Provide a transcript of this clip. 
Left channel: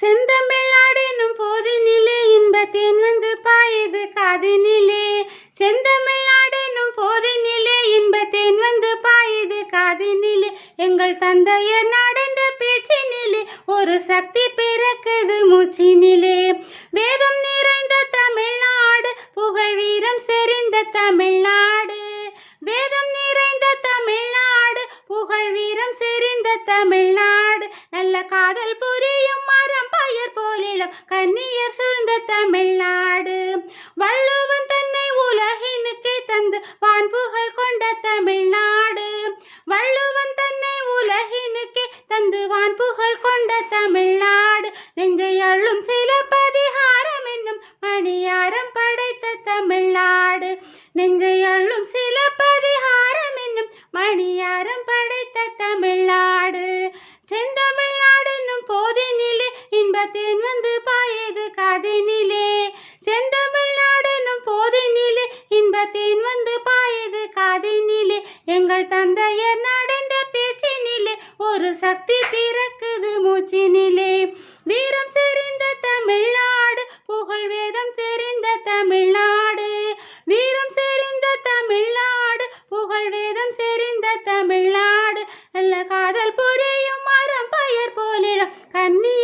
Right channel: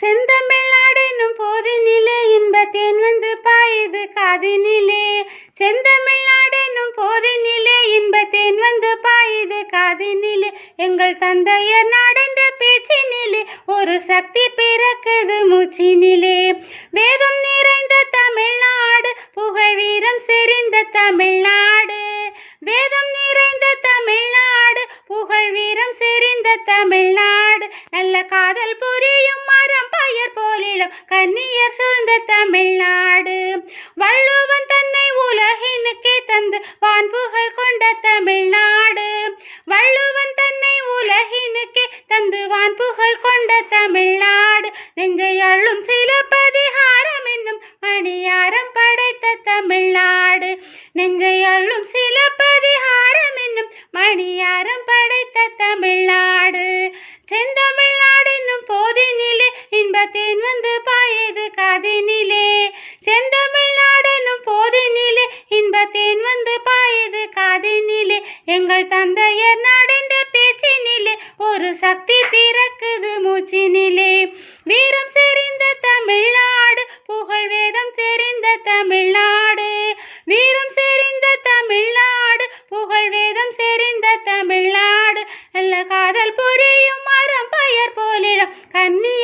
செந்தமிழ்நாடெனும் போதினிலே இன்பத்தேன் வந்து பாயுது காதினிலே. செந்தமிழ்நாடெனும் போதினிலே இன்பத்தேன் வந்து பாயுது காதினிலே. எங்கள் தந்தையர் நாடென்ற பேச்சினிலே ஒரு சக்தி பிறக்குது மூச்சினிலே. வேதம் நிறைந்த தமிழ்நாடு, புகழ் வீரம் செறிந்த தமிழ்நாடு. வேதம் நிறைந்த தமிழ்நாடு, புகழ் வீரம் செறிந்த தமிழ்நாடு. நல்ல காதல் புரியும் மரம் பயர் போலிலும் கன்னியர் சூழ்ந்த தமிழ்நாடு. வள்ளுவன் தன்னை உலகினுக்கே தந்து வான்புகழ் கொண்ட தமிழ்நாடு. வள்ளுவன் தன்னை உலகினுக்கே தந்து வான்புகழ் கொண்ட தமிழ்நாடு. நெஞ்சை அள்ளும் சிலப்பதிகாரம் என்னும் மணியாரம் படைத்த தமிழ்நாடு. நெஞ்சை அள்ளும் சிலப்பதிகாரம் என்னும் மணியாரம் படைத்த தமிழ்நாடு. செந்தமிழ்நாடு என்னும் போதினிலே இன்பத்தேன் வந்து பாயுது காதினிலே. செந்தமிழ்நாடு என்னும் போதினிலே இன்பத்தேன் வந்து பாயுது காதினிலே. எங்கள் தந்தையர் நாடென்ற பேச்சினிலே ஒரு சக்தி பிறக்குது மூச்சினிலே. வீரம் செறிந்த தமிழ்நாடு, புகழ் வேதம் செறிந்த தமிழ்நாடு. வீரம் செறிந்த தமிழ்நாடு, புகழ் வேதம் செறிந்த தமிழ்நாடு. நல்ல காதல் புரியும் மரம் பயர் போலிடம் கன்னி